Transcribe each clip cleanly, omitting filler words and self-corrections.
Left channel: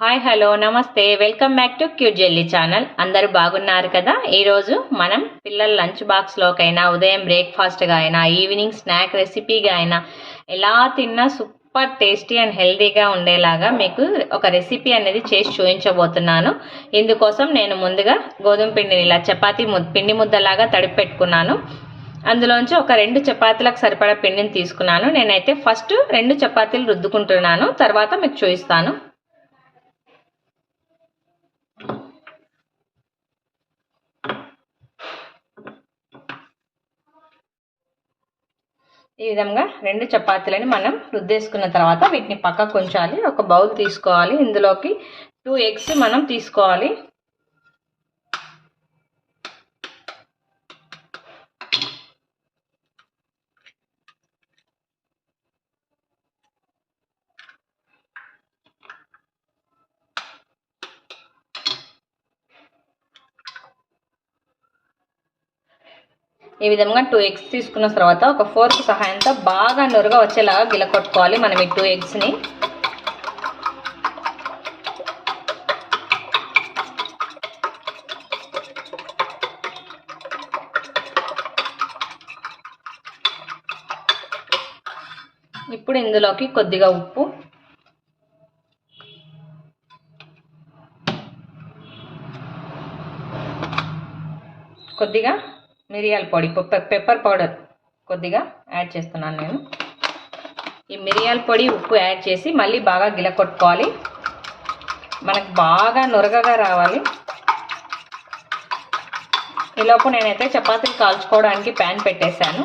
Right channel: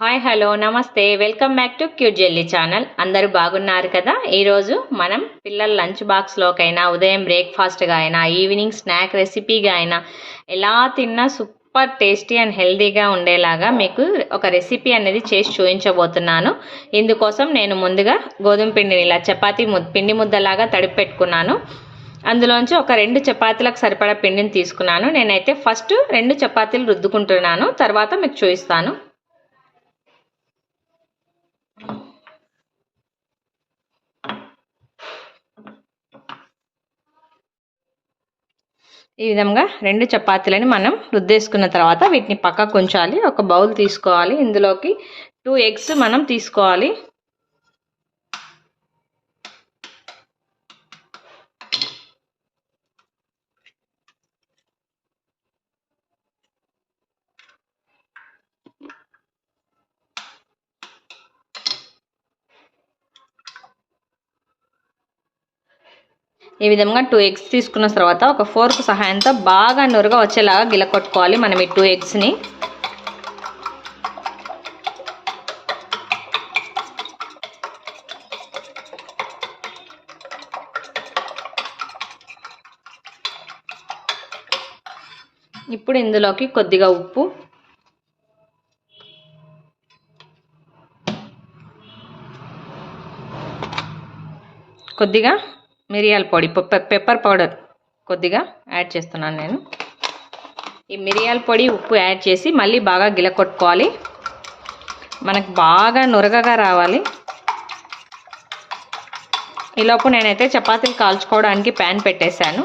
Hi hello నమస్తే welcome back to cute jelly channel. అందరూ బాగున్నారు కదా. ఈరోజు మనం పిల్లల లంచ్ బాక్స్లోకైనా, ఉదయం బ్రేక్ఫాస్ట్గా అయినా, ఈవినింగ్ స్నాక్ రెసిపీగా అయినా ఎలా తిన్నా సూపర్ టేస్టీ అండ్ హెల్తీగా ఉండేలాగా మీకు ఒక రెసిపీ అనేది చేసి చూపించబోతున్నాను. ఇందుకోసం నేను ముందుగా గోధుమ పిండిని ఇలా చపాతీ పిండి ముద్దలాగా తడిపి పెట్టుకున్నాను. అందులోంచి ఒక 2 చపాతీలకు సరిపడా పిండిని తీసుకున్నాను. నేనైతే ఫస్ట్ 2 చపాతీలు రుద్దుకుంటున్నాను, తర్వాత మీకు చూపిస్తాను. ఈ విధంగా 2 చపాతీలని మనం రుద్దేసుకున్న తర్వాత వీటిని పక్కకు ఉంచాలి. ఒక బౌల్ తీసుకోవాలి. ఇందులోకి 2 ఎగ్స్ మనం తీసుకోవాలి. ఈ విధంగా 2 ఎగ్స్ తీసుకున్న తర్వాత ఒక ఫోర్క్ సహాయంతో బాగా నురగా వచ్చేలాగా గిలకొట్టుకోవాలి మనం ఈ 2 ఎగ్స్ని. ఇప్పుడు ఇందులోకి కొద్దిగా ఉప్పు, కొద్దిగా మిరియాల పొడి, పెప్పర్ పౌడర్ కొద్దిగా యాడ్ చేస్తున్నాను నేను. ఈ మిరియాల పొడి, ఉప్పు యాడ్ చేసి మళ్ళీ బాగా గిలకొట్టుకోవాలి. మనకు బాగా నురగగా రావాలి. ఈలోపు నేనైతే చపాతీలు కాల్చుకోవడానికి ప్యాన్ పెట్టేశాను.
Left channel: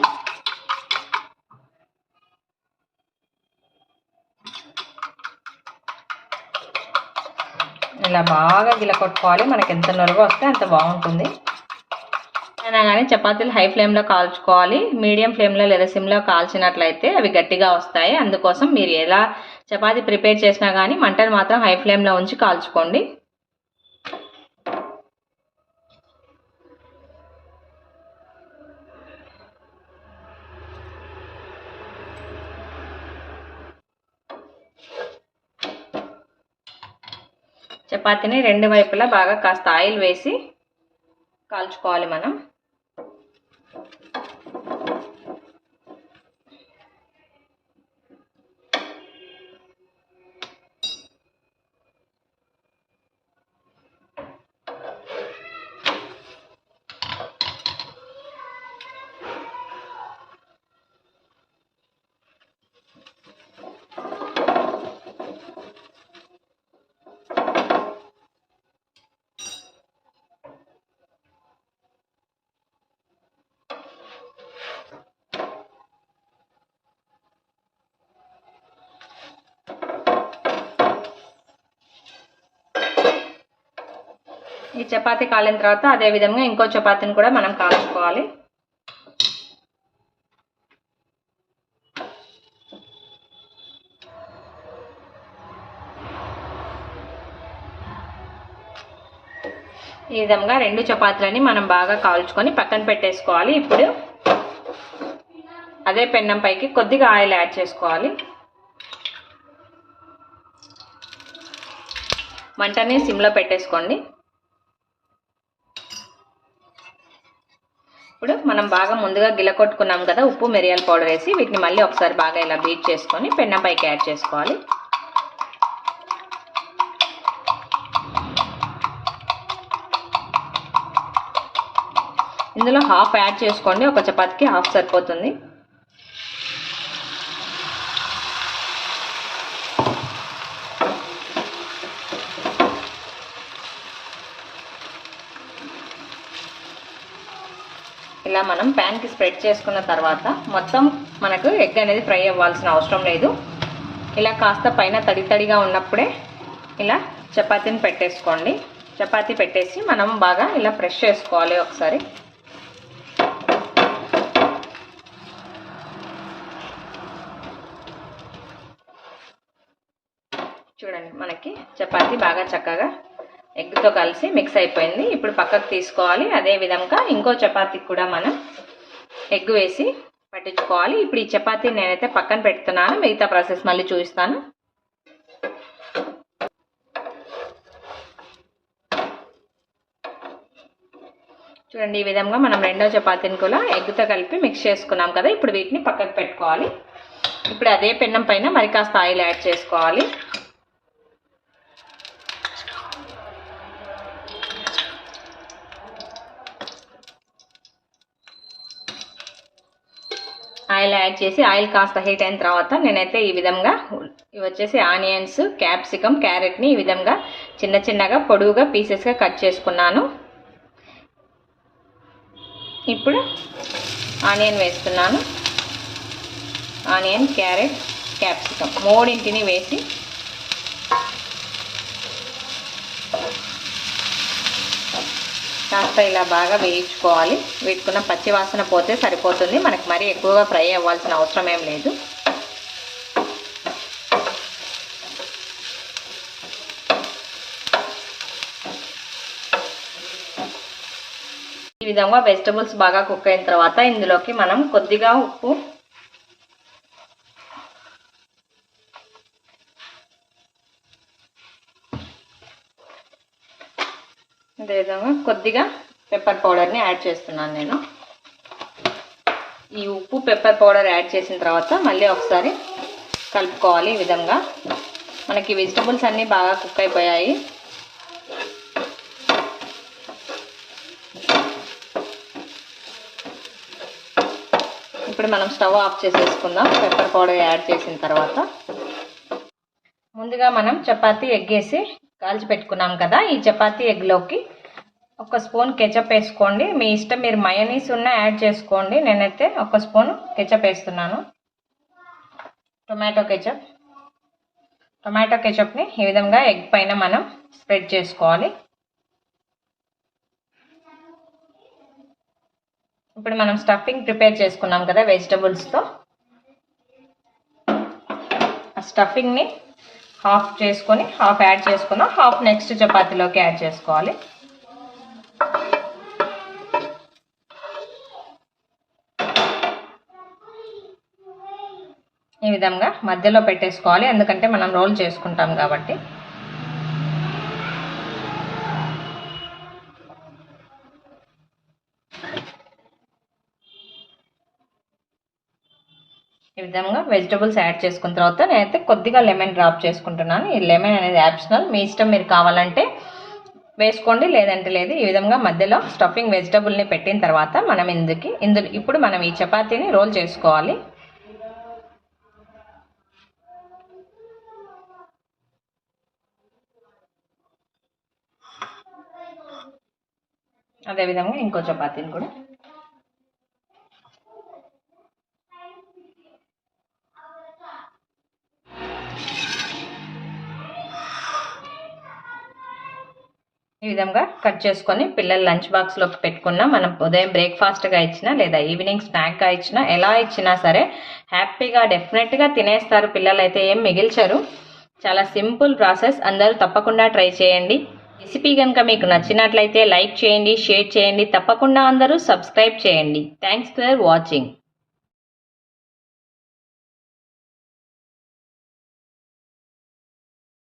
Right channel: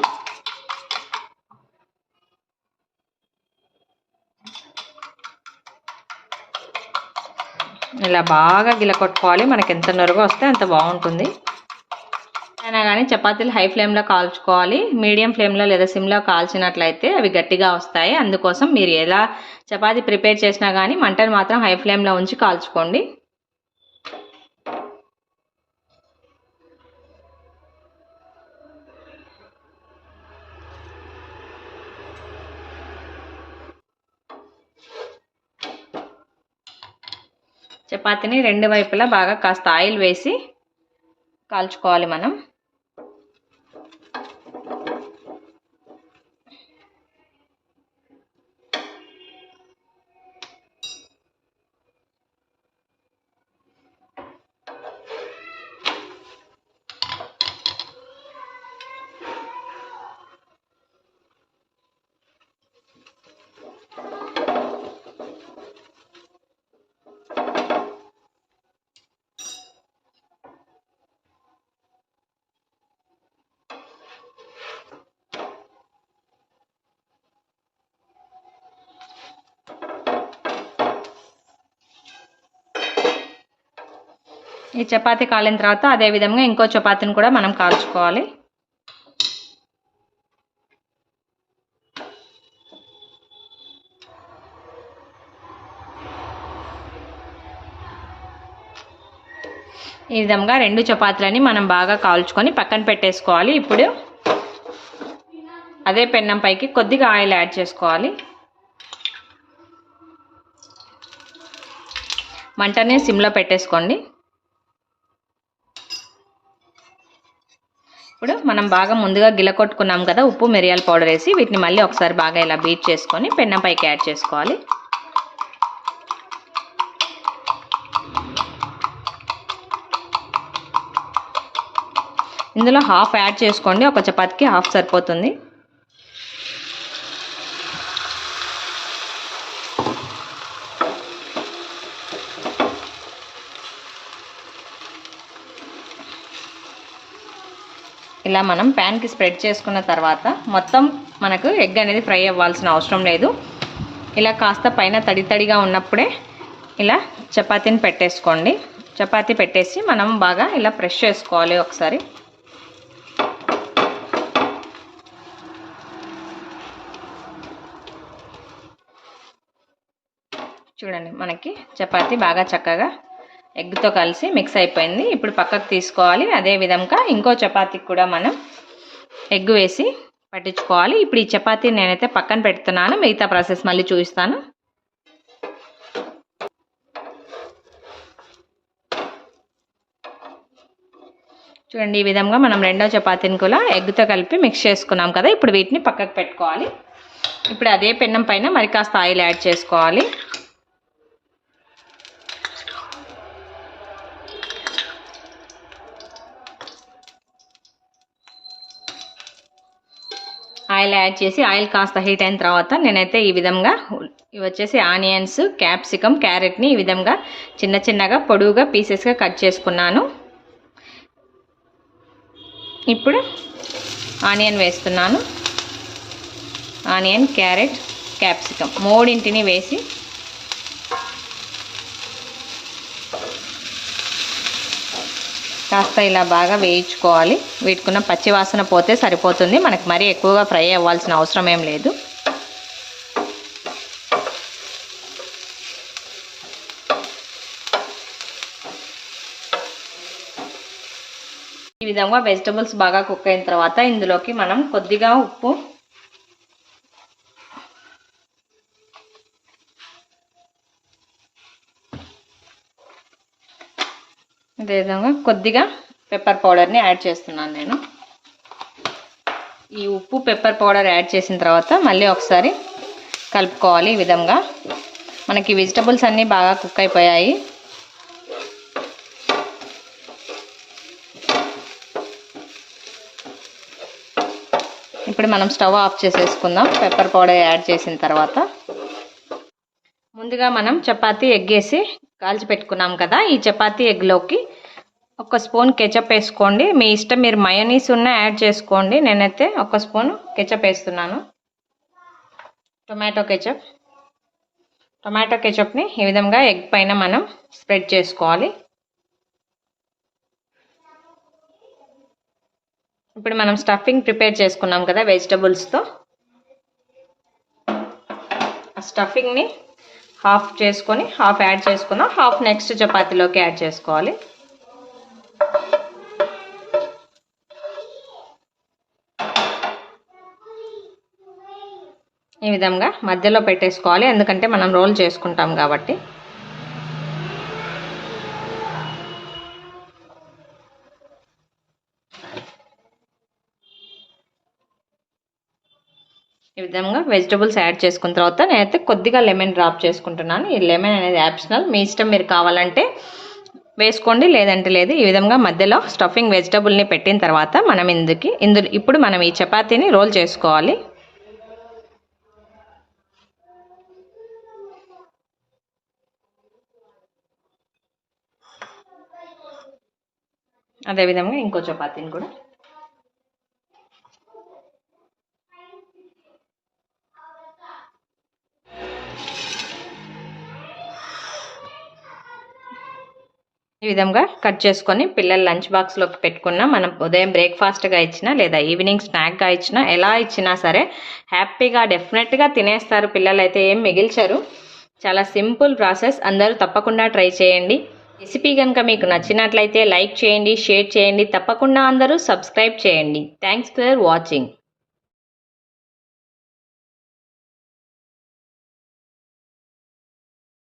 ఇలా బాగా గిలకొట్టుకోవాలి. మనకి ఎంత నురగ వస్తే అంత బాగుంటుంది. అయినా కానీ చపాతీలు హై ఫ్లేమ్లో కాల్చుకోవాలి. మీడియం ఫ్లేమ్లో లేదా సిమ్లో కాల్చినట్లయితే అవి గట్టిగా వస్తాయి. అందుకోసం మీరు ఎలా చపాతీ ప్రిపేర్ చేసినా కానీ మంటను మాత్రం హై ఫ్లేమ్లో ఉంచి కాల్చుకోండి. చపాతీని 2 వైపులా బాగా కాస్త ఆయిల్ వేసి కాల్చుకోవాలి మనం. ఈ చపాతీ కాలిన తర్వాత అదే విధంగా ఇంకో చపాతీని కూడా మనం కాల్చుకోవాలి. ఈ విధంగా 2 చపాతీలని మనం బాగా కాల్చుకొని పక్కన పెట్టేసుకోవాలి. ఇప్పుడు అదే పెన్నం పైకి కొద్దిగా ఆయిల్ యాడ్ చేసుకోవాలి. మంటని సిమ్లో పెట్టేసుకోండి. ఇప్పుడు మనం బాగా ముందుగా గిలకొట్టుకున్నాం కదా ఉప్పు, మిరియాల పౌడర్ వేసి వీటిని మళ్ళీ ఒకసారి బాగా ఇలా బీట్ చేసుకొని పెన్నం పైకి యాడ్ చేసుకోవాలి. ఇందులో హాఫ్ యాడ్ చేసుకోండి. ఒక చపాతీకి హాఫ్ సరిపోతుంది. ఇలా మనం ప్యాన్కి స్ప్రెడ్ చేసుకున్న తర్వాత మొత్తం మనకు ఎగ్ అనేది ఫ్రై అవ్వాల్సిన అవసరం లేదు. ఇలా కాస్త పైన తడి తడిగా ఉన్నప్పుడే ఇలా చపాతీని పెట్టేసుకోండి. చపాతీ పెట్టేసి మనం బాగా ఇలా ప్రెస్ చేసుకోవాలి ఒకసారి. చూడండి, మనకి చపాతీ బాగా చక్కగా ఎగ్తో కలిసి మిక్స్ అయిపోయింది. ఇప్పుడు పక్కకు తీసుకోవాలి. అదే విధంగా ఇంకో చపాతీకి కూడా మనం ఎగ్ వేసి పట్టించుకోవాలి. ఇప్పుడు ఈ చపాతీని నేనైతే పక్కన పెడుతున్నాను. మిగతా ప్రాసెస్ మళ్ళీ చూపిస్తాను. చూడండి, ఈ విధంగా మనం రెండో చపాతీని కూడా ఎగ్తో కలిపి మిక్స్ చేసుకున్నాం కదా. ఇప్పుడు వీటిని పక్కకు పెట్టుకోవాలి. ఇప్పుడు అదే పెన్నం పైన మరి కాస్త ఆయిల్ యాడ్ చేసుకోవాలి. ఆయిల్ యాడ్ చేసి ఆయిల్ కాస్త హీట్ అయిన తర్వాత నేనైతే ఈ విధంగా ఇవి వచ్చేసి ఆనియన్స్, క్యాప్సికమ్, క్యారెట్ని ఈ విధంగా చిన్న చిన్నగా పొడవుగా పీసెస్గా కట్ చేసుకున్నాను. ఇప్పుడు ఆనియన్ వేస్తున్నాను. ఆనియన్, క్యారెట్, క్యాప్సికమ్ మూడింటిని వేసి కాస్త ఇలా బాగా వేయించుకోవాలి. వీటికున్న పచ్చి వాసన పోతే సరిపోతుంది. మనకి మరీ ఎక్కువగా ఫ్రై అవ్వాల్సిన అవసరం ఏం లేదు. ఈ విధంగా వెజిటబుల్స్ బాగా కుక్ అయిన తర్వాత ఇందులోకి మనం కొద్దిగా ఉప్పు, అదేవిధంగా కొద్దిగా పెప్పర్ పౌడర్ని యాడ్ చేస్తున్నాను నేను. ఈ ఉప్పు, పెప్పర్ పౌడర్ యాడ్ చేసిన తర్వాత మళ్ళీ ఒకసారి కలుపుకోవాలి. ఈ విధంగా మనకి వెజిటబుల్స్ అన్నీ బాగా కుక్ అయిపోయాయి. ఇప్పుడు మనం స్టవ్ ఆఫ్ చేసేసుకుందాం. పెప్పర్ పౌడర్ యాడ్ చేసిన తర్వాత ముందుగా మనం చపాతీ ఎగ్ వేసి కాల్చి పెట్టుకున్నాం కదా. ఈ చపాతీ ఎగ్లోకి ఒక స్పూన్ కెచప్ వేసుకోండి. మీ ఇష్టం, మీరు మయోనీస్ ఉన్న యాడ్ చేసుకోండి. నేనైతే ఒక స్పూన్ కెచప్ వేస్తున్నాను. టొమాటో కెచప్ని ఈ విధంగా ఎగ్ పైన మనం స్ప్రెడ్ చేసుకోవాలి. ఇప్పుడు మనం స్టఫింగ్ ప్రిపేర్ చేసుకున్నాం కదా వెజిటబుల్స్తో, ఆ స్టఫింగ్ని హాఫ్ చేసుకొని హాఫ్ యాడ్ చేసుకున్నాం. హాఫ్ నెక్స్ట్ చపాతీలోకి యాడ్ చేసుకోవాలి. ఈ విధంగా మధ్యలో పెట్టేసుకోవాలి, ఎందుకంటే మనం రోల్ చేసుకుంటాం కాబట్టి. ఈ విధంగా వెజిటబుల్స్ యాడ్ చేసుకున్న తర్వాత నేనైతే కొద్దిగా లెమన్ డ్రాప్ చేసుకుంటున్నాను. ఈ లెమన్ అనేది ఆప్షనల్, మీ ఇష్టం, మీరు కావాలంటే వేసుకోండి, లేదంటే లేదు. ఈ విధంగా మధ్యలో స్టఫింగ్ వెజిటబుల్ని పెట్టిన తర్వాత మనం ఇప్పుడు మనం ఈ చపాతీని రోల్ చేసుకోవాలి. అదేవిధంగా ఇంకో చపాతీని కూడా ఈ విధంగా కట్ చేసుకొని పిల్లల లంచ్ బాక్స్లోకి పెట్టుకున్నా, మనం ఉదయం బ్రేక్ఫాస్ట్గా ఇచ్చినా లేదా ఈవినింగ్ స్నాక్గా ఇచ్చినా, ఎలా ఇచ్చినా సరే హ్యాపీగా డెఫినెట్గా తినేస్తారు. పిల్లలైతే ఏం మిగిల్చరు. చాలా సింపుల్ ప్రాసెస్, అందరూ తప్పకుండా ట్రై చేయండి. రెసిపీ కనుక మీకు నచ్చినట్లయితే లైక్ చేయండి, షేర్ చేయండి, తప్పకుండా అందరూ సబ్స్క్రైబ్ చేయండి. Thanks for watching.